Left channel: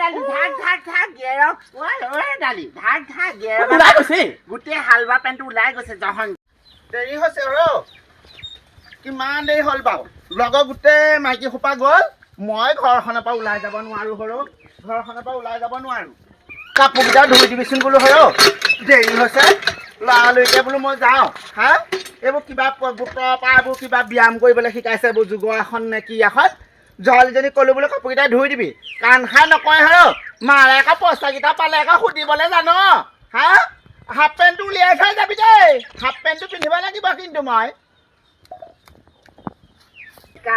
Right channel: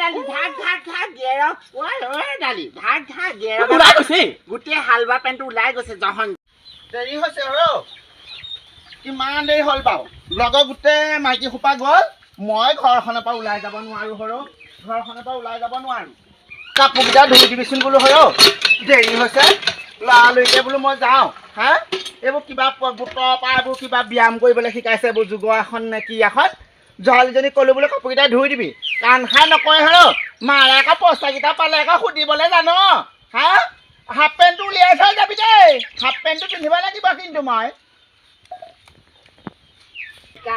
ডালি ধাক গেৰ ডালি ধাক গেৰ ওলাই গৈছে গোটেই হালৱা পেণ্টটো ওলাই গৈছে জহন দেৰি হৈছে কিমান দেৰি হ'ল বাৰু লগৰ গোটেই মাইকী সোপা গ'ল মই ঘৰখনৰ পৰা ওলাই যাব নোৱাৰো ঘৰখনৰ পৰা ওলাই যাব নোৱাৰো কাপোৰকেইটা ধুই দিবিচোন বোলো দেৰি হৈছে লৰালৰিকে বোলো মই যাওঁ হা এইবোৰ কিবা গোটৰ পৰা এইবোৰ কিবা ব্যায়াম কৰিবলৈ শিকাইছে এইবোৰ যোগৰ আসন নে কি আসন জলজনী ক'লো বোলো কাপোৰকেইটা ধুই দিবি কাণ খাই নকয় মাৰে আকৌ পইচাকেইটা পালে আকৌ সুধিবলৈ জানো হা হাফ পেণ্টটো উলিয়াই থৈ যাবি দেই হাফ পেণ্টটো পিন্ধিব লাগিব কিন্তু মই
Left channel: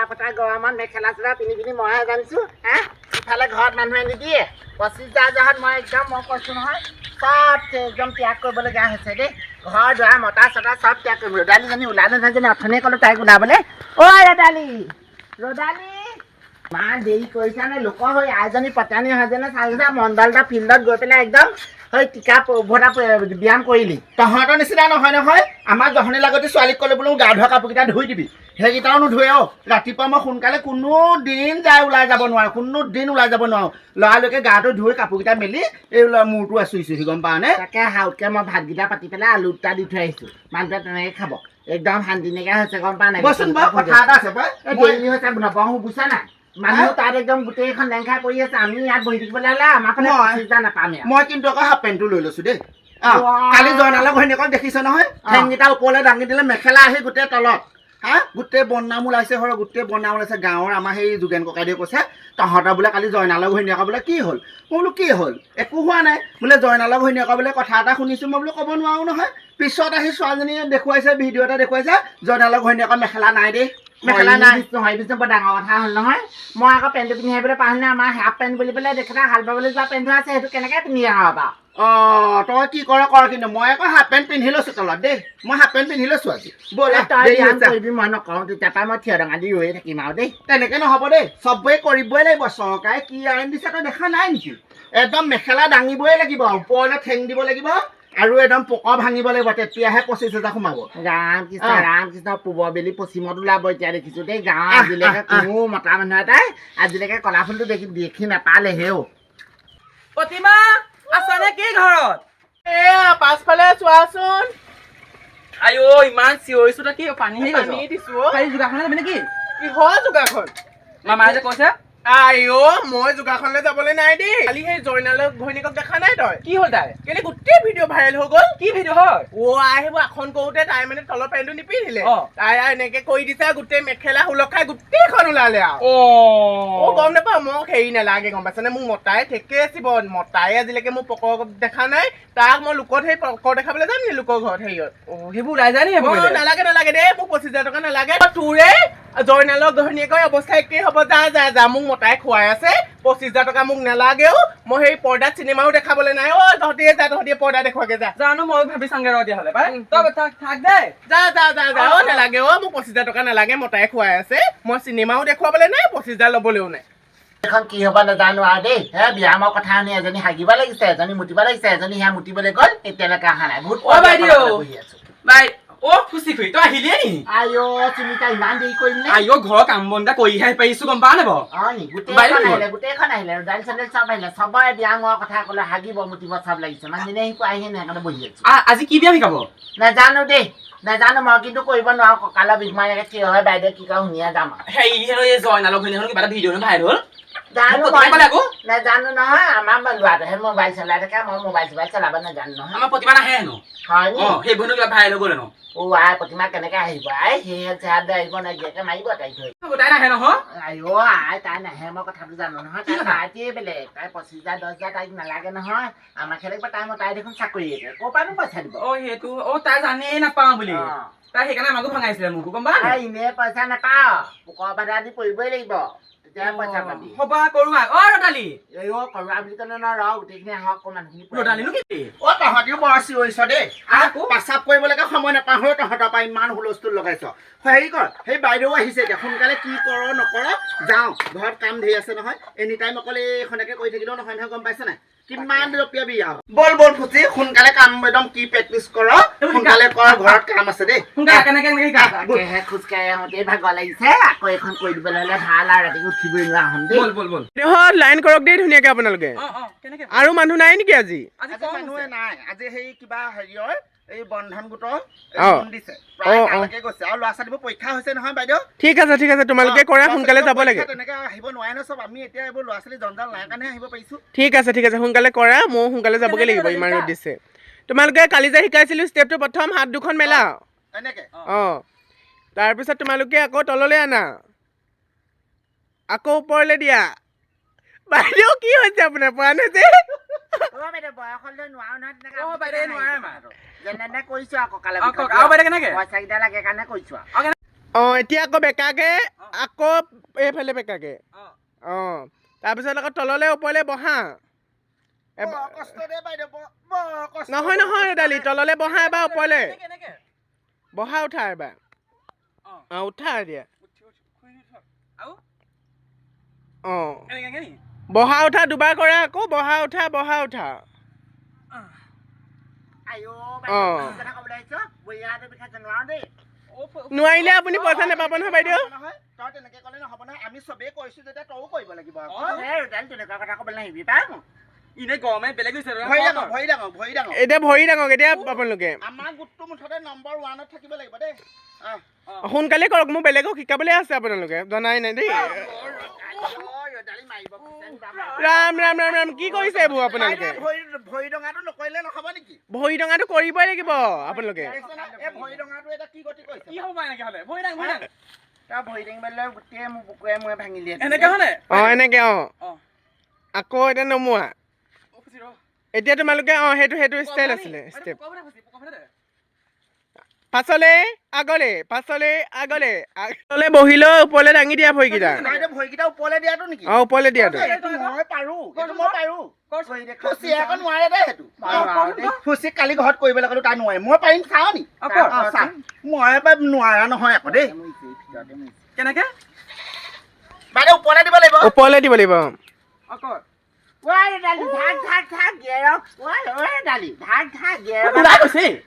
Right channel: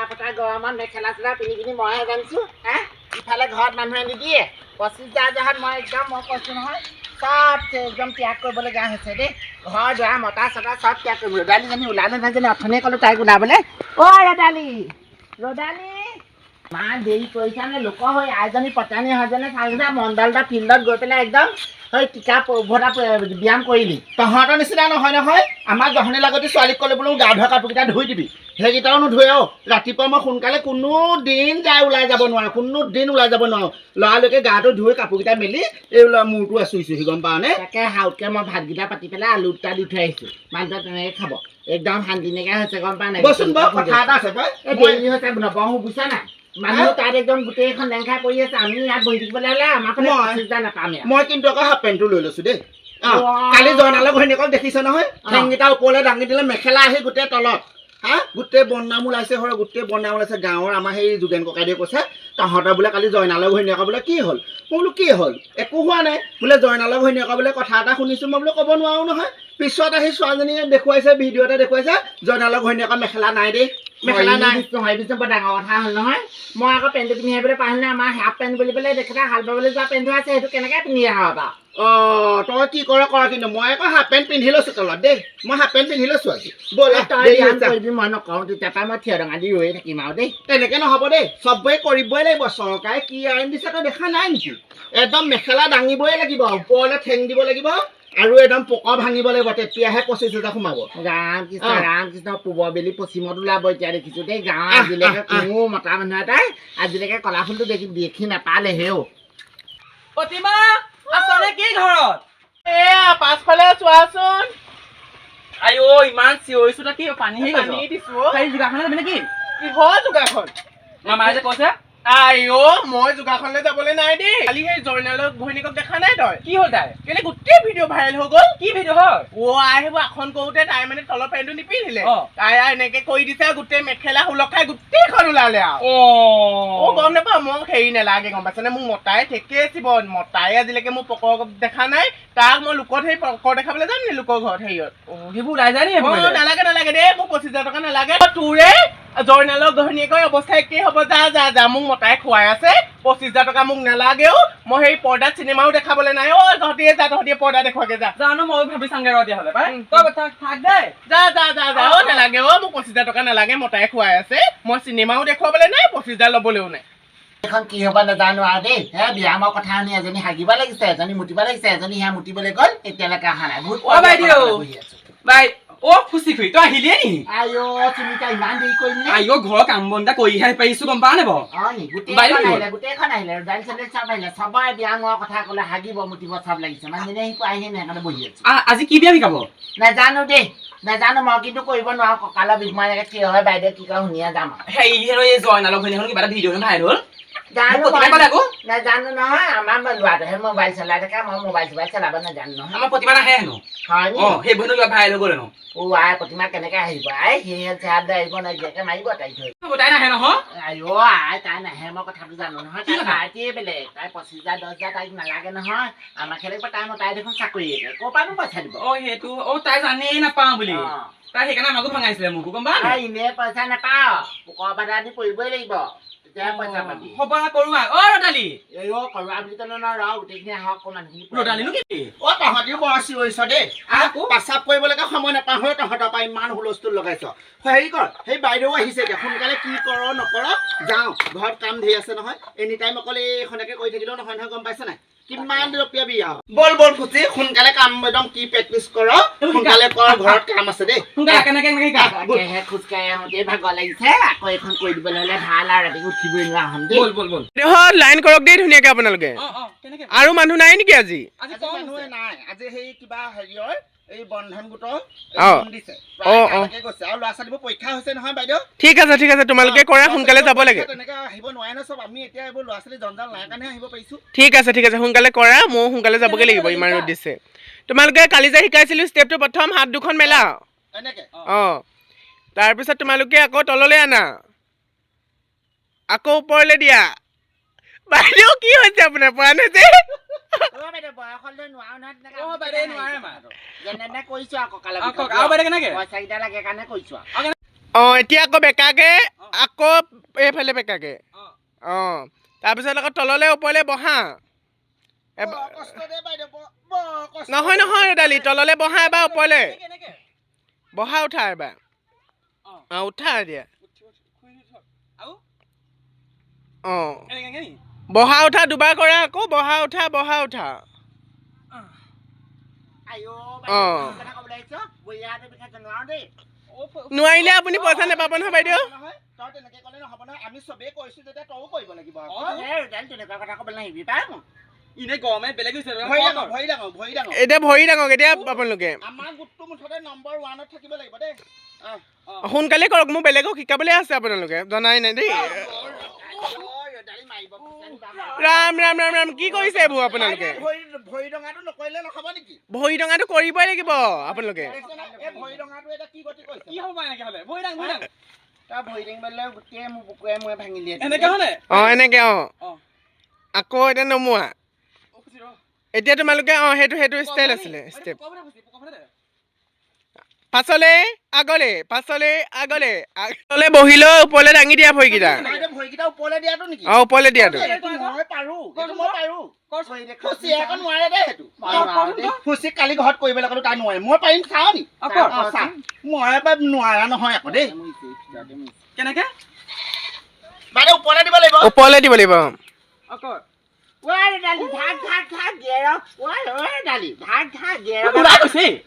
পতা গৰমত মেখেলা চেলা পিন্ধি পিনি মইহে জানিছোঁ হা ইফালে ঘৰত মানুহে নিদিয়ে 25,000 জহাত মই কৈছোঁ নহয় চব একদম ত্যাগ কৰিবলগীয়া হৈছে দেই ঘৰ দুৱাৰ মতা চতা চব ত্যাগ কৰিব ৰদালিজনী ওলাই নাথাকিলে অথনিয়ে ক'লোঁ তাইক ওলাবলৈ ৰদালি ইমান দেৰি কৰিছা নে লোকৰ হৈ আইজনী পতানী হয় যেনে চাৰিটা মণ্ডলটা ফিল্ডত গৈ পেলাই একদম সেই টিকা উভতা ব্যায়াম কৰিলি তহঁতৰ নিচিনা নহয় আমাৰ জহনী লাগতি ছোৱালীক ক'লে বোলো গা ধোৱা কাপোৰকেইটা ধুই দিবি সেইকেইটাও নুধুৱে ৰাতিপুৱা মই সোনকালে কোনো দিন ওলাই যাব নোৱাৰো লৰালৰিকে গাটো ধুই কাপোৰকেইটা মেলি এই মূৰটো আচুৰিছোহি গম পাৱনে তাকে হাউতকৈ মই ভাতকেইটা পাতি পেলাই আলু দুটা দি থৈ আহিছোঁ মানুহটোৱে তেনেকৈ খাব একদম শান্তি নাইকিয়া হৈছে গম পাৱ নাই বচোন বাৰু কথা এটা আছে দেৰি হৈছে নবহো বুজিছা নাই মানুহ তাত একদম গোটেইখন লেংখাই পৰি আছে আমি ইয়াত বহি থাকিবলৈ হ'লে আমাৰ ফালে 25,000 নাপাম মই কিন্তু আকৌ হাফ পেণ্টটো লৈ লৈছোঁ দেই কালি জয়নালক ঘৈণীয়েকক দেখিছ নহয় ঠেংকেইটা ওপৰলৈ দাঙি দিলে মেখেলা আহি গোটেই তলত হা গোটেই বদনাম ওলাইছে গোটেই বদনাম ওলাইছে গাঁৱৰ আমাৰ সেই যোগেন ককাইদেউ কৈছে তহঁতৰ বোলে কালি জয়নালক ঘৈণীয়েকৰ বোলে কি হ'ল মই বোলো কি হ'ল একো হোৱা নাই বোলে জয়নালক ঘৈণীয়েকৰ বোলে কথা এটা শুনিছোঁ মই বোলো ক'ব নোৱাৰো নহয় পিছত আহি ছোৱালীজনীয়ে দেখুৱাইছে ভিডিঅ' এটা দেখুৱাইছে জয়নালক ঘৈণীয়েকৰ মেখেলা নাই দেই মেখেলা নাই নহয় পিছত বৰ ডাঙৰ কথা হ'ল নহয় মই আকৌ পেণ্টটো পিন্ধি আহিবলৈ পাহৰিলে আমাৰ হাফ পেণ্ট বুলি পেলাই দেখিলে হাল বাবলৈ যোৱা পেণ্টটো আছে সেইটো কেনেকৈ পিন্ধি আহ বাৰু তই কি কৰ কিন্তু মই আকৌ হাফ পেণ্ট পিন্ধি লৈছোঁ তলত দেই মই হাফ পেণ্ট পিন্ধি লৈছোঁ আজি কৰিবি মই নকওঁ তেতিয়াৰ পৰা মই থিয় ডাঙা দি ৰৈ থাকিম আৰু দেই তেনেকৈ নহ'ব দেই চবেই কৰিবই লাগিব চৰকাৰে কি আইন দিছে তই দেখা নাই নেকি একদম মেখেলা দাঙিবই লাগিব ওপৰলৈ ঠেং দিব লাগিব আৰু একদম পকা ভাঙিব লাগিব তেতিয়াহে 25,000 সোমাব ৰাম কৃষ্ণ পূবৰ বেলি পশ্চিমত ওলাব এতিয়া দেখিছোঁ দেই গাঁৱৰ আজিলৈকে কোনো মতা মানুহ এটাই আজিলৈকে কলা ফুলটো দেখি নাপালে হেও প্ৰতিমা আছনে কি ঘৰত এয়া পাছফালে চোৱাচোন আইও ইমান চিঞৰিছো কি পানী দিছো যোগাখনে যাবি নেকি কিহৰ যোগাখন মামায়ে যে কৈছে মই যোগাখনলৈ যাবলৈ নাই দেই কালি সেই জয়নালক ঘৈণীয়েকক দেখা নাই তই কি হ'ল তাই কেলে গোটেই ভিডিঅ' ভাইৰেল হৈ গ'ল কি ভিডিঅ' হয় সেইবোৰ আসন কৰোঁতে তাই মানে তলৰ পেণ্টটো নিপিন্ধিলে তাই এনেকে কৰি দিছে গোটেই মেখেলা সুলখাই গোটেইখন ওলালে আৰু গম নাপাওঁ মোক হেৰি নালাগে গম পাইছনে মোক মতাই ঠেকে আছিব মতাই আজিলৈকে মোক পকৰ দেখা নাই তাক মই লোকত সেই পকৰ দেখাবলৈ যাম নি লোকৰ ঘৰত হেৰিয়ত সেইবোৰ ওলাই যায় নি নালাগে দেই মোক 25,000 টকা নালাগে তোৰে জয়নালক ঘৈণীয়েকৰ অৱস্থা একেই হ'ব যা মোক মতাই খুৱাই আছে 25,000 টকা মোক নালাগেও মই সেই পৰ্দাত চিনেমাও দেখাবলৈ নাই তহঁতিয়ে পৰ্দা দেখুৱাগে যা জানো মই ভাবি চাংগে ৰ দিয়া হ'লে পাই তই থাক দে যা নালাগে মোক 25,000 টকা নালাগে মতাই খুৱাই আছে মই চিনেমাও দেখুৱাবলৈ নাই 25,000 ল'বলৈও নাই এখন কি হ'ব নাজানো আৰু দেই ব্যায়ামৰ কথা শুনি এজনী হাগিব লাগিছে এজনী মুতিব লাগিছে এজনী সেয়া মুতিবলৈ গ'ল এতিয়ালৈকে অহা নাই বহুত বহি আছো বাই খুচি খুৰি তই আহিলিয়ে নি চিনিতা ইমান দেৰি কৰিলে ঘৰৰ কাম বন এটা কৰিহে পাৰিছো গম পাৱ নে গোটেইখন আহিলে দাইল চাইল চব আহিলে চবৰে ব্যায়ামৰ কথা ক'লে হাগিব মুতিব চব লাগিছে মানুহজনী আহি আহিহে সেইকাৰণে বহি আছো আজি কি ব্যায়াম শিকাব নাজানো দেই নাজানো মই কিন্তু কৰিব নোৱাৰো কঁকালৰ বিষ মই এনেকে থিয় হৈ বাইদেউ কি কয় শুনিয়ে যাম এই জয়নালক ঘৈণীয়েক কিবা এটা ভিডিঅ' ভাইৰেল হ'ল নাজানো নহয় আমাৰ ল'ৰাটোহে মোবাইল চলাই থাকে মই মোবাইল চলাব নাজানো নহয় আমাৰ প্ৰতিমা নাহে হেনো হয় সেইবোৰ কিবা ভাইৰেল হৈ গ'ল হেনো প্ৰতিমা কেনেকে আহিব সেই আহিব নাইকিয়াকে মাৰিব তাইক ধৰি তাই নাহে নহয় তাই নাহে মই কথাটো জানো নহয় তাই বেলেগ তাই 25,000 10,000 তাইক নালাগে নহয় আমাৰ খেলে তাই দেখোন চাকৰি ক'ৰ পৰানো পইচা দিব সেইটো তাই জানেই নাপাওঁ বুলি তাই সেইকাৰণে আমাকো ভঙাইছিলে মোকো গম পাৱ এনেই পইচা নাপাওঁ পোকৰ বাধা দি পৰিবই লাগিব তেতিয়াহে পইচা পাবি সবা কৰোৱা ৰদালি কৰোৱা বুলি ক'লে ৰ গোটেইখিনি আহক মানুহখিনি ৰদালিনো কি তহঁতিও বৰ চিঞৰিছ দেই পেচাব কৰিবলৈকে সময় নাপাওঁ তহঁতৰ পৰা ইমান হুলস্থুল লগাইছ হেৰি কৰ সেই বাইদেউ আহিছে এতিয়া সোনকালে কি কৰ নকৰ যাওঁ ঘৰত কাম ধেৰ আছে নহয় এনি টাইম অকল এইখনকে কৰি থাকিলেও নহয় গম পাইছে নাই কিমান ৰপিয়াবি আৰু বল বল ফুচি সোনকালে কাম একদম কি প্ৰেক্টিচ কৰ সোনকালে কৰ ঘৰত কাম আছে দেই সোনকালে কেনেকে শিকা তাকেহে খোজকাঢ়ি আহোঁতে ভাগৰ লাগিছে আকৌ এখন কৰি দিবলৈ হ'লে ভাল আৰু ৰাতি উঠিবই নোৱাৰা হ'ম দেই বল বল বল দেহত লাইন কৰক দেই ধুনীয়াকে আপোনালোকে কেনেকে আৰু মানুহ নাই নেকি আজি আজি আজি মানুহে নাই আজি সেই কিবা হেৰিয়ৰ এই বন্ধন গোটৰ অ। দিছে অ, প্ৰায় অ। তালৈকে গৈছে আৰু ল'ৰা ছোৱালীবোৰ পৰীক্ষা হৈছে নহয় বাইদেউ ঠিক আছে তোমালোকে কৰা সোনকালে যাব লাগে তেনেকে আহিব নোৱাৰে ন চব আমি এতিয়া এইবোৰ ল'ৰা ছোৱালী জঞ্জাল নাই কাৰণে আহিব পাৰিছো ঠিক আছে সোনকালে কৰা ময়ো সোনকালে যাবগে লাগিব ইমান ৰ'দ দিছে তোমালোকে কালি যে শিকাইছিলো ষ্টেপটো প্ৰথম হাত দুখন মেলা এনেকে অঁ তাৰপিছত তোমালোকে আকৌ তললৈ আনা আকৌ ওপৰলৈ দিয়া বাইদেউ কি হৈছে আপোনাৰ পৰা নে যে বাইদেউ বয়স হ'লে নোৱাৰো নহয় তেনেকে অ, বাইদেউ নোৱাৰে মা। যেনে তেনে কৰিছো আকৌ কালে আৰু বাইদেউ কেনেকে পইচাকেইটা লাগে কাৰণে কৰিছো আৰু অঁ এতিয়া আকৌ বেকাকে আকৌ এইফালে বেকাকে অঁ তাৰপিছত আকৌ তললৈ ওপৰলৈ বহা বৰ কষ্ট দেই বাইদেউ বৰ কষ্ট নহয় দালি তললৈ বহা এবাৰ ওপৰলৈ কেনেকে বহা উঠা এবাৰ অঁ উঠা এতিয়া আৰু অঁ কেনেকে বহা উঠা দুবাৰ কৰা আকৌ বহা উঠা আইও অ। কথা ক'বলৈ আহিছ বঢ়িয়াটো পিঠা নোৱাৰো দেই নোৱাৰিলে আপুনি পইচা নাপাব নহয় বাইদেউ নহয় তই তেনেকে ক'লে নহ'ব নহয় আমি চবেই কৰিছো যেতিয়া তইও কৰিব লাগিব আকৌ তেনেকুৱা কথা ক'বলৈ নাহিবি পাই মোক ইনে গৰমে বেলেগ হৈছে ভৰি ডাঙৰ এতিয়া ভৰি ডাঙক এতিয়া আপোনালোকে আমাৰ গোটটো মুঠতে নম্বৰ 1ত থাকিব লাগিব দেই সোনকালে কৰক মোৰ বেলেগক শিকাবলৈ আছে আপোনালোকে জনাই নাই দেই ৰাম ৰাম ৰাম ৰাম কি কৰিছে এইবোৰ আপোনালোকে ভৰি ডঙাটো নকৰিলে নহ'ব নেকি ভৰি ডঙাটো কৰিবই লাগিব আপোনালোকে এই ভৰি ডঙাটো এটা কি গতি কৰিছে কি হ'ব এনেকে হ'লে ভৰি দাং তই ভৰি দাঙিবলৈ গোটেই মোৰ বুকুৱে মুৱে ভাঙি দিয়ে এনেকে হয়নে অঁ এনেকে অঁ অ আকৌ এতিয়া নমোৱা এতিয়া তোমালোকে অঁ সেইটো ষ্টাইল আছিলে ষ্টেপ পাছলে আগলে বহিলৈ ওপৰলৈ দাঙি দিয়া ভৰিকেইটা ভৰিকেইটা ওপৰলৈ দিয়াটো নেকি অঁ ওপৰলৈ দিয়াটো এইটো মই পাৰো ফুচি আকৌ নোৱাৰে দেই সেইটো ফুচিক কালি ঘৰত কৰিবলৈ ক'লো তাই নোৱাৰে মই পাৰিম চাওঁ নি চা মই এবাৰ নোৱাৰা নহয় আকৌ দেই কেনেকে বাইদেউ ওপৰলৈ দিব লাগিব ওপৰলৈ দিব লাগিব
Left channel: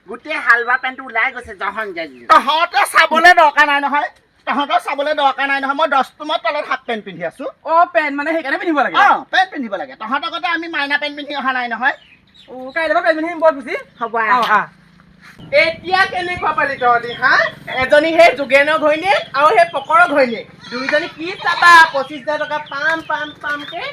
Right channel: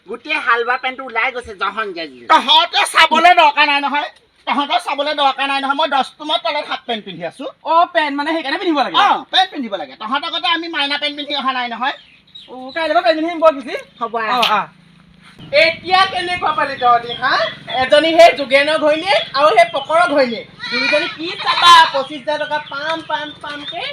গোটেই হালৱা পেণ্টটো ওলাই গৈছে জহন জাজি তহঁতে চাবলৈ দৰকাৰ নাই নহয় মই 10 টোমৰ তলত হাফ পেণ্ট পিন্ধি আছো অ পেণ্ট মানে সেইকাৰণে পিন্ধিব লাগে পেণ্ট পিন্ধিব লাগে তহঁতৰ কথা আমি মাইনা পেণ্ট পিন্ধি অহা নাই নহয় অ কাইলৈ পৰা পেণ্ট পিন্ধিম বৰ খুচি হ'ব এতিয়া কেনেকুৱা পালি তহঁতি হা এজনী সেই যোগেনৰ ঘৈণীয়েক আৰু সেই পকৰৰ ঘৈণীয়েক দুইজনী কি চাবা 25,000 টকা পামকে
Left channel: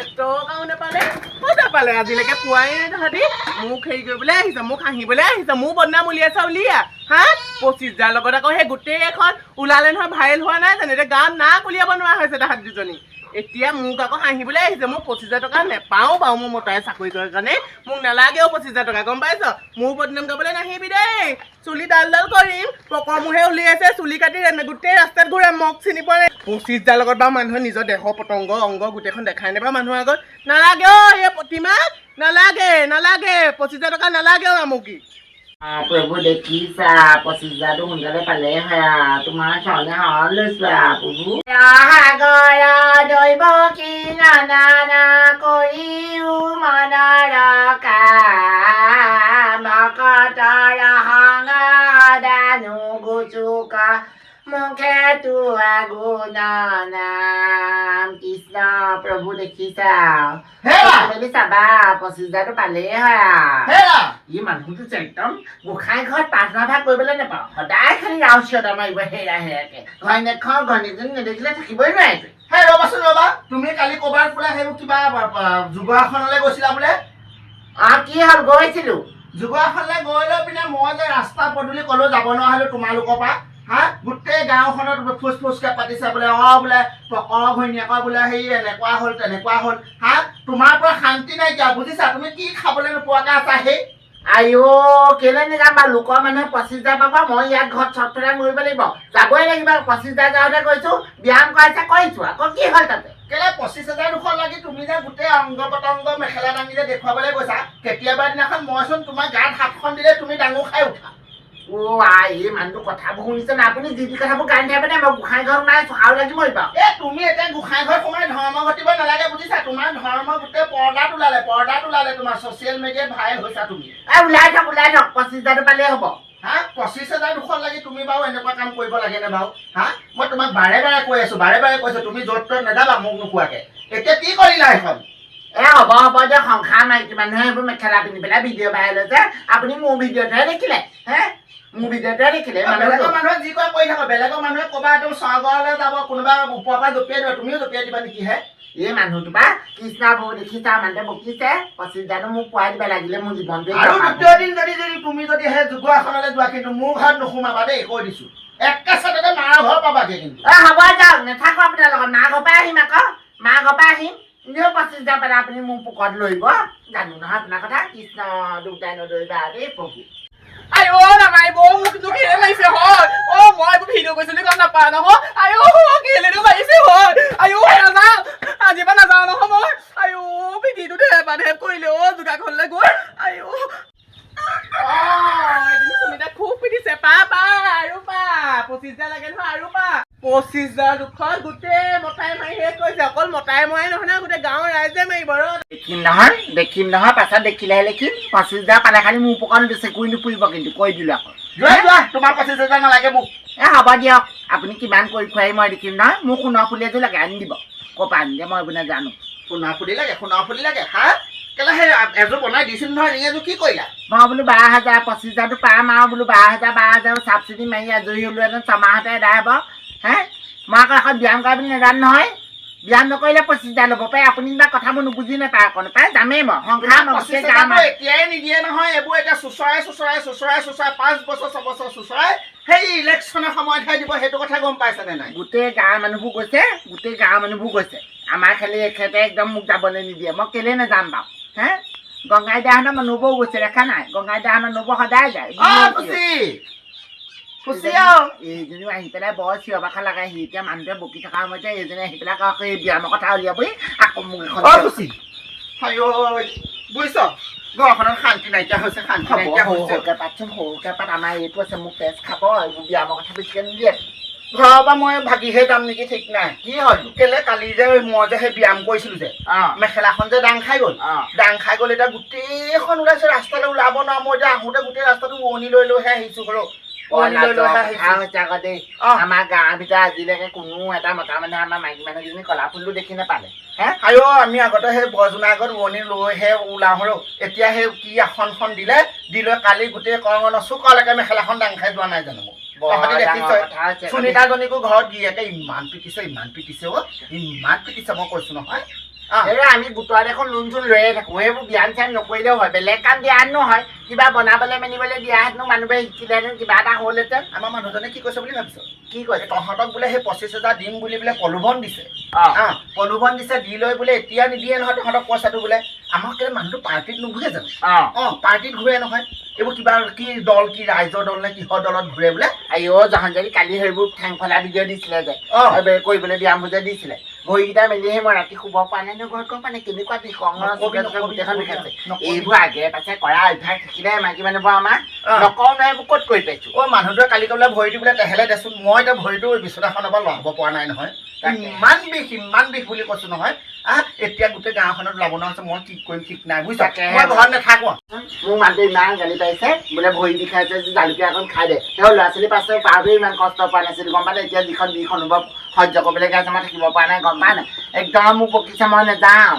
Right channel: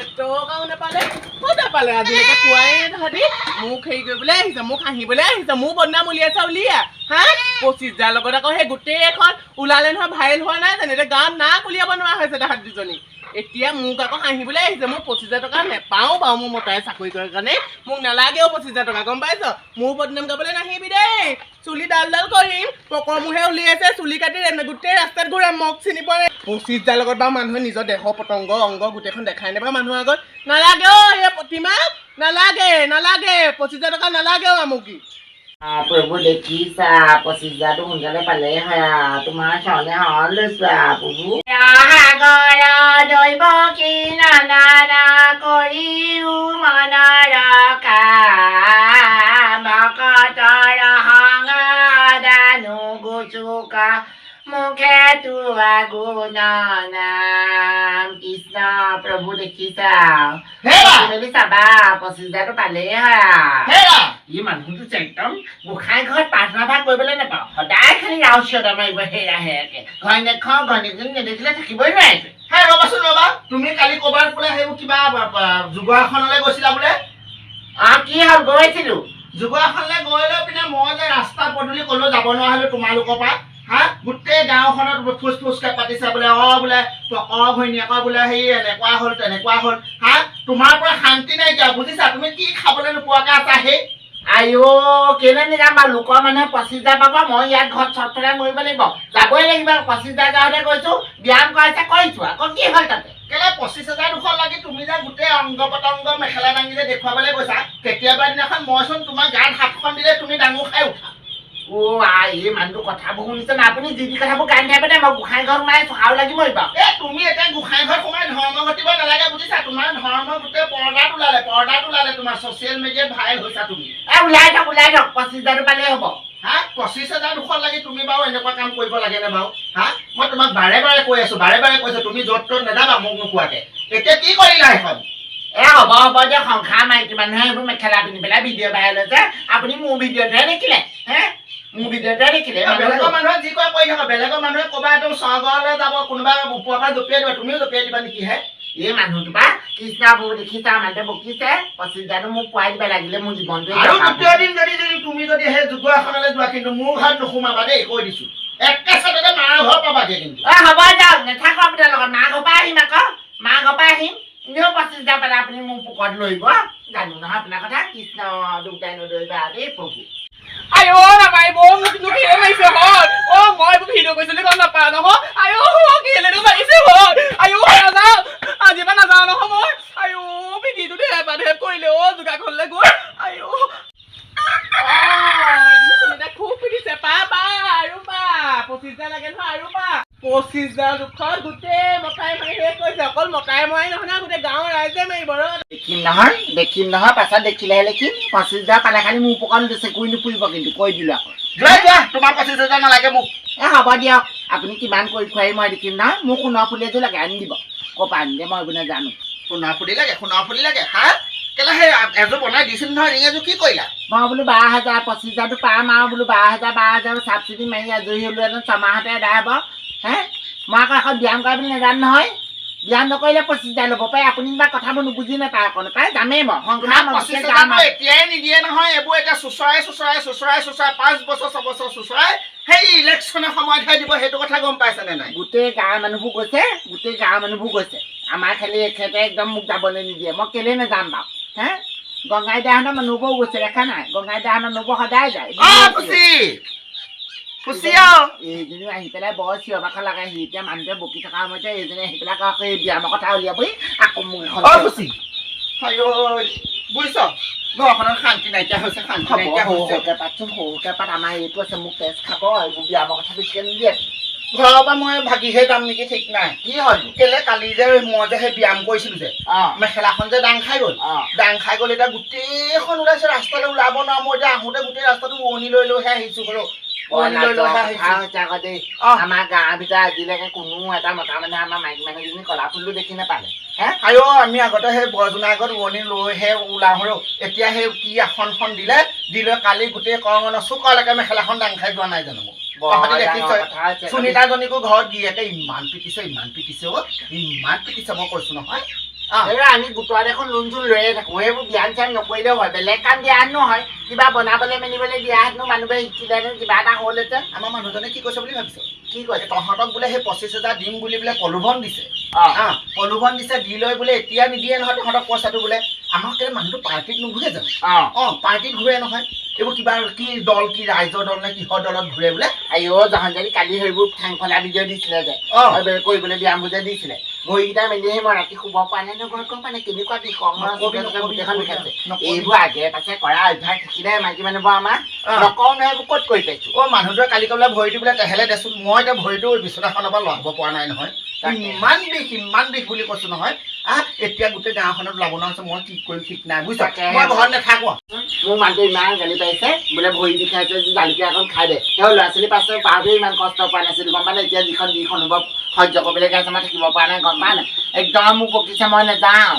এটকাও নাপালে ক'ত নাপালে আজিলৈকে পোৱাই তাহাঁতি মোক হেৰি কৰিবলৈ আহিছে মোক হাঁহিবলৈ আহিছে মোৰ বদনাম উলিয়াইছে উলিয়া হা 25,000 লগত আকৌ সেই গোটেই এখন ওলালে নহয় ভাইৰেল হোৱা নাই জানো এতিয়া গাঁৱত নাক উলিয়াব নোৱাৰা হৈছে তাহাঁতি দুজনী এতিয়া মোক আকৌ হাঁহিবলৈ আহিছে মোক 25,000 টকা নেপাওঁ বাৰু মোৰ মতাই চাকৰি কৰাৰ কাৰণে মোক নালাগেও 25,000 টকা গম পাইছ মোৰ বদনাম গাবলৈ নাহিবি দেই চুলি ডাল কৰিম পকৰ মুহে উলিয়াইছে চুলি কাটি গোটেই ৰাস্তাত ঘূৰাই মোক চিনি পোৱা নাই 25,000 লগত বাৰু মানুহে নিজৰ দেহ পতংগ অংগ গোটেইখন দেখাই নাপায় মানুহৰ আগত নালাগে অ' সেই প্ৰতিমা নালাগে 25,000 টকা নালাগেও আমুকি প্ৰভু দেখিছা 25,000টো সোনকালে পালে হয় তোমাৰ চলে হল প্ৰভু সাগৰ দৈৱ কি নানা কৰিও মনৰ কাম ভকতৰ সংগাদানু গুচুকা মুখে তোৱা গুণ নাম কৃষ্ণ প্ৰভু দেখিছা চাবা 25,000টো পালেই হয় ই মানুহটো একদম গোসাঁই ঘৰত প্ৰাৰ্থনা ভাগ কৰিবলৈ নাপাওঁ সদায় খালি ৰাও চিঞৰ মাৰিব হেৰা হেৰাকে ঘৈণীয়েকজনী নেদেখিলে থাকিবই নোৱাৰে ৰ'বা তুমি কালি ক'ৰবাত বোলে সেইবোৰ কিবা যোগাসনলৈ গৈছিলা বোলে কি হ'ল গৈছিলো যোগাসনলৈ গৈ লৈ পিনে মই যে ৰাস্তা পদূলি ক'লেও যাব নোৱাৰা হ'লো তোমালোকৰ পৰা গোটেই গাঁওখনত ফুচফুচকে পাতিছে বোলে বোলে পকৰ ঘৈণীয়েকৰ বোলে হেৰি এনেকুৱা হ'ল তেনেকুৱা হ'ল তোমাৰ পৰা শান্তি নাইকিয়া বুজিছা তুমি কি খাবলৈ নোপোৱাকৈ আছা সেই আইঅ কেলে নেযাম বাৰু লোকৰ মানুহে 25,000 পাব মই ইয়াত ঘৰত চটফটাই মৰিব লাগিব যাবই লাগিব 25,000 যাওঁতে কৈছো ব্যায়াম কৰাইছে কৰিছো আকৌ কি হ'ল তাতে কেলে 25,000 লাগি তুমি যে গোটেই অংগ পতংগ মেখেলা দাঙি যে দেখুৱাবলৈ গৈছা কেতিয়াবা দিনাখন মইচোন তোমাৰ গাত হাতখন দিলে তুমি ডাঙৰ খাই উঠা এই মানুহটো কথাবোৰ শুনিছে না আপুনি যি যি কথাবোৰ গাই নাথাকে দে মই গোসাঁই ঘৰত নাই চহাও লাগিবই বাৰু তুমি এতিয়া গোসাঁই ঘৰত সোমাই ধৰ্ম ঘটিব নালাগে বুজিছা তোমাৰ ধৰ্ম গোটেই পৰ্দাত ওলালে তোমাৰ ছচিয়েল মিডিয়াত ভাইৰেল হৈছা তুমি ওলাই থাক 25,000 পালেই হ'ব হা 25,000 দুখত লাগি তুমি বাৰু এনেকুৱা কাম কৰিব লাগে নে বাৰু হা মই তোমাক বাৰে বাৰে কৈছো তুমি য'ত ত'ত নেযাবা মোক নোকোৱাকে এতিয়া কি কৰিলা এখন হ'ব দিয়ক সংসাৰ মাইকী মানুহে এইবোৰ মেখেলা পিন্ধি পেলাই ভিডিঅ' ভাইৰেল হৈছে আপুনি মোৰ ভিডিঅ'তহে দেখিলে মোৰ ভিডিঅ'তহে দেখিলে বেলেগৰ মানুহে যি কয় কৰি থাকক বেলেগৰ মানুহে ক'বা একদম স্বৰ্গলৈ যাব কোনোবা ওপৰৰ পৰা জঁপিয়াই দিব তুমিও জঁপিয়াই দিবা নেকি হে এই মানুহটো বা কৃষ্ণা বৌ দেখিছা মানুহটোৱে বকিছে 25,000 মোক পোৱাই দিব লাগিলে মোৰ জীৱনটোৱে আৰু গোটেই দিন যদি তুমি যদি সেই যোগ আসনলৈ যোৱা কিন্তু মোৰ ঘৰত নোসোমাবা দেই কৈ দিছো একেচাতে মাৰ ঘৰ পাবাগে কিন্তু হ'ব দিয়ক নাথাকো আপোনাৰ লগত মা ঘৰ পৰা আহিম আকৌ মা ঘৰ পৰা আহিম এনেও 25,000 পালে আপুনি মোৰ পকেট লৰিব জানো নহয় আপোনাৰ কথা কৃষ্ণ দুটাই নদৰিবা দেই প্ৰভু আইও নামাৰিব মোক কেলে মাৰিছে হয় মই ভিডিঅ' কৰিছিলো গম নাপাওঁ নহয় আইও কেলেনো মাৰিছে হয় আইও নাযাওঁ আজিৰ পৰা নাযাওঁ নহয় মই আইও পিঠিটো ঢেপ কৰিলে যোগাখনলৈ গৈ আইও খুব পিটিছে পা আৰু পা 25,000 লাগে নহয় আৰু পা 25,000 দুখত গোটেই মতাই মাৰি শেষ কৰিছে অকল মতাই মৰাই নহয় না গোটেই গাঁৱৰ ৰাইজে মাৰিব দেখিম নহয় পাছত দেখিলেহে দেখিম 25,000 পালে খালি মোৰ পকেট দিছে কৈ নুফুৰিব কিন্তু কৈ দিলো আকৌ যোৱা তোমাৰ 25,000 নালাগে মোক হ'ব দিয়ক আপুনি কিমান কৰি খুৱাই মই দেখিম নহয় মোক সোণৰ ফুলি এযোৰ লাগে আনি দিব ক'ৰ পৰা আনি দিয়ে মই এইবোৰ নাজানো সোণৰ ফুলি লাগে হা কেলে সেই এযোৰ বনাই দিছিল নহয় ৰিং এযোৰ কি কৰিলা মই বোলো 12,000 25,000টো পাম আৰু বোলো 12,000 চাবচিডি মাৰি আজৰি হ'লো এজন ছমাহতে এদায় হ'ব মই আকৌ এখন ব্যায়াম কৰা বুলি নাজানো নহয় ব্যায়াম নকৰিলে 25,000 ল'ব পাৰে আপুনি কিবা কথাবোৰ নুবুজি নাপায় আকৌ নাপায় যামেই মই সংসাৰ এতিয়াই নিদিয়ে নহয় এইবোৰ এতিয়া চুচৰাই 5 বছৰ 6 বছৰ চুচৰাই সেই ইলেকশ্যনৰ সময়তহে দিব সেইটো কথা গম পাইছেনে নাই গোটেই গাঁৱৰ মানুহবোৰ গৈছে আমাৰ খালি এখেতে একদম মোক যাবলৈ নিদিয়ে মই কেলে নাযাম বাৰু গংগাইদাহঁতৰ মানুহবোৰো গৈছে দেখা নাই গংগাইদাহঁতৰ মানুহবোৰ সদায় যায় এইজনীও আহি পেলাই বৰ চিঞৰ বাখৰ লগাই সি এতিয়া মানুহটোৱে বকি থকা সময়তে এইজনী আহি পেলাই আকৌ এই ব্যায়ামৰ কথা উলিয়াবই আকৌ মোক এখন বুজিছ ঘৰখনত শান্তি নাইকিয়া হৈছে সৰুকে পাত আমাৰ এইটো আছে মোক তেজ খাব এইবোৰ ব্যায়ামৰ কথা বেছিকে নিদিয়ে ঘৰৰ পৰা মই ভাগিহে যাম নেকি ঠিক নাই কি হ'ল কেলে কালি যে মই যে সেই ব্যায়াম কৰিছিলো যে মেখেলাখন যে দাং খাই গ'ল এতিয়া গোটেইখন ওলাইছে ৰাস্তালৈ ওলাব নোৱাৰো মই এতিয়া আহোঁতে গোটেই ৰাস্তাটো উৰণি লৈহে আহিছো ঘৰ আমাৰ গাঁৱৰ ভিতৰত আজিলৈকে কোনো এটা মতা মানুহে আমাৰ মাইকী মানুহজনী কলা ফুলটো দেখি নাপালে আমি আগতে সেই বৰজনাৰ আগত উৰণি লৈহে ওলাওঁ এতিয়া সেই কি আসনখন দিলে কালি গোটেই কৰঙনৰ চুকলৈকে মেখেলাখন দাং খাই যোৱা নাই জানো মোক সুনীতাজনীকো ঘৰত গিৰিয়েকে ইমান পিটিছে মই কৈছো নহয় আমি গোটৰ দেখোন লোন চোন লৈয়ে থাকো সেইবোৰ ব্যায়াম চ্যায়াম নকৰিলেও হয় বেলেগ কাম দিয়া নহয় কিবা বনাবলৈ মেলিবলৈ দিয়া হেতেনো মানুহবোৰে শিকিলেহেঁতেন কিবা এটা হ'লহেঁতেন আমাৰ মানুহজনে কি কৈছে বুলি ভাবিছ কি কৈছে তহঁতক বোলে সেই 25,000 দিম বুলি বোলে প্ৰলোভন দিছে দি লৈ বোলে এতিয়া নিদিয়ে নহয় তহঁতক পইচাটো বোলে আমাক কেলে মানুহটো পাৰ্টিত নুঘূৰে জানো পাৰ্টিত ঘূৰে নহয় এইবোৰ কিবা কি দল কি ৰাইজৰ দল নে কিহৰ দলত ঘূৰে বোলে জাহানজাৰী কালি সেইবোৰ ঠেং ফলা ভিডিঅ' দিছিলে যে কৰিবলৈ ব্যায়াম বুজে দিছিলে ভৰিকেইটা মেলিহে মই ৰাতি শুব পৰা নাই ঘৰত গম পানে কেনেকুৱা গোটেইখন বিষাইছে এইবোৰ আগে পাছে কৰা অভ্যাস থাকিলে মাইকী মানুহবোৰ আমাৰ নকওঁ নহয় এইবোৰ ক'ত কৰি পাইছো মানুহটোৱে কালি ক'বলৈ ভৰিটো বোলে তেহেলে দেচোন মই এতিয়া ভৰিটো বিচনাখনৰ পৰা লৰাব পৰা নাই নহয় ইমান বিষ বুলি কৈছো নহয় এতিয়া গোটেই গাঁওখনত ওলাব নহৈছে মই কি কৰিম ঠিক নাই বুজিছা মই ঘৰত নাথাকো মোৰ মানুহটো ইমান গালি পাৰিছে বোলে ভৰি বিষাইছে জালুকীয়া অকণ খাই দে সেই ল'ৰা ছোৱালী পাছে পাৰটো ইমান কষ্ট পোৱা নাছিল গম পালে এতিয়া যিখন অনুভৱ সহ্য কৰিবলৈ গাইছে মই থাকিব পৰা নাই গম পা নাই একদম মোক বকিছে মই নাযাওঁ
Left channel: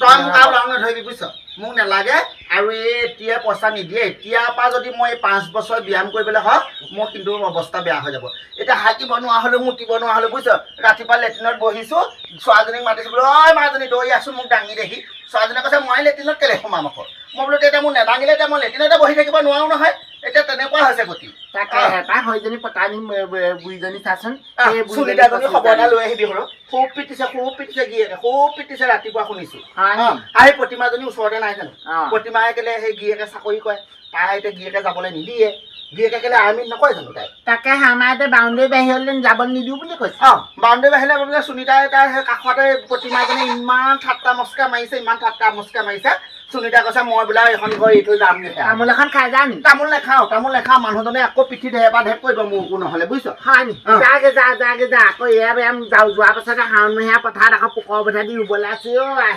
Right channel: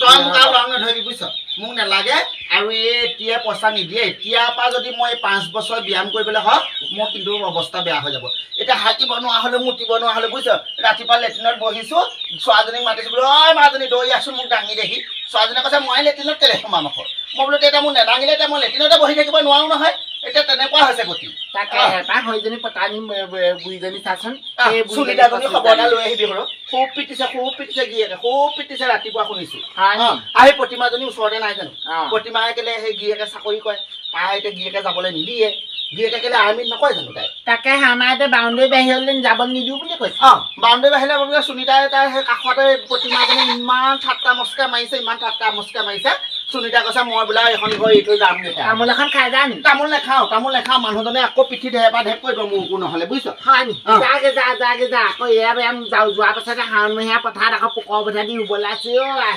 তই মোক আৰু লগ নধৰিবি বুজিছ মোক নালাগে আৰু এতিয়া পইচা নিদিয়ে এতিয়াৰ পৰা যদি মই 5 বছৰ ব্যায়াম কৰিবলৈ হওক মোৰ কিন্তু অৱস্থা বেয়া হৈ যাব এতিয়া হাকিব নোৱাৰা হ'লেও মুতিব নোৱাৰা হ'লেও বুজিছ ৰাতিপুৱা লেট্ৰিনত বহিছো ছোৱালীজনীক মাতিছো বোলো ঐ মাজনী দৌৰি আছো মোক দাঙি দেখি ছোৱালীজনীয়ে কৈছে মই লেট্ৰিনত কেলে সোমাম আকৌ মই বোলো তেতিয়া মোক নেদাঙিলে এতিয়া মই লেট্ৰিনতে বহি থাকিব নোৱাৰো নহয় এতিয়া তেনেকুৱা হৈছে গতি তাকে তাক হয়জনী পতা নি বুঢ়ীজনী চাচোন সেই বুঢ়ীজনী সুনিতাজনী 25,000 খবৰ এটা লৈ আহিবি ঘৰত খুব পিটিছে গিয়েকে খুব পিটিছে ৰাতিপুৱা শুনিছো হয় নি? আহি প্ৰতিমাজনী ওচৰতে নাই জানো অ। প্ৰতিমায়ে কেলে সেই গিয়েকে চাকৰি কৰে তাই এতিয়া গিয়েকে যাবলৈ নিদিয়ে গিয়েকে কেলে আৰ্মিত নকয় জানো তাই তাকে আমাৰ এতিয়া বাউণ্ডেৰী বাহিৰলৈ যাব নিদিওঁ বুলি কৈছে বাউণ্ডেৰী বাহিলে বোলে সুনিতাই তাৰ সেই কাষতে প্ৰতিমাজনী ইমান ঠাট্টা মস্কা মাৰিছে সুনিতা কৈছে মই বোলে এখন ঘৰ এৰি থৈ যামগে তামোল এখন খাই যা নি তামোল নাখাওঁ মানুহজনে আকৌ পিঠি ঢেপা ঢেপ কৰিব মোৰকো নহ'লে বুজিছ হয় নি অ। যাগে যা আকৌ এয়া যোৱাৰ পাছতে শাওণ মহীয়া পথাৰত আকৌ পোকৰ পথাৰ দি ৰুবলৈ আছে অ' আই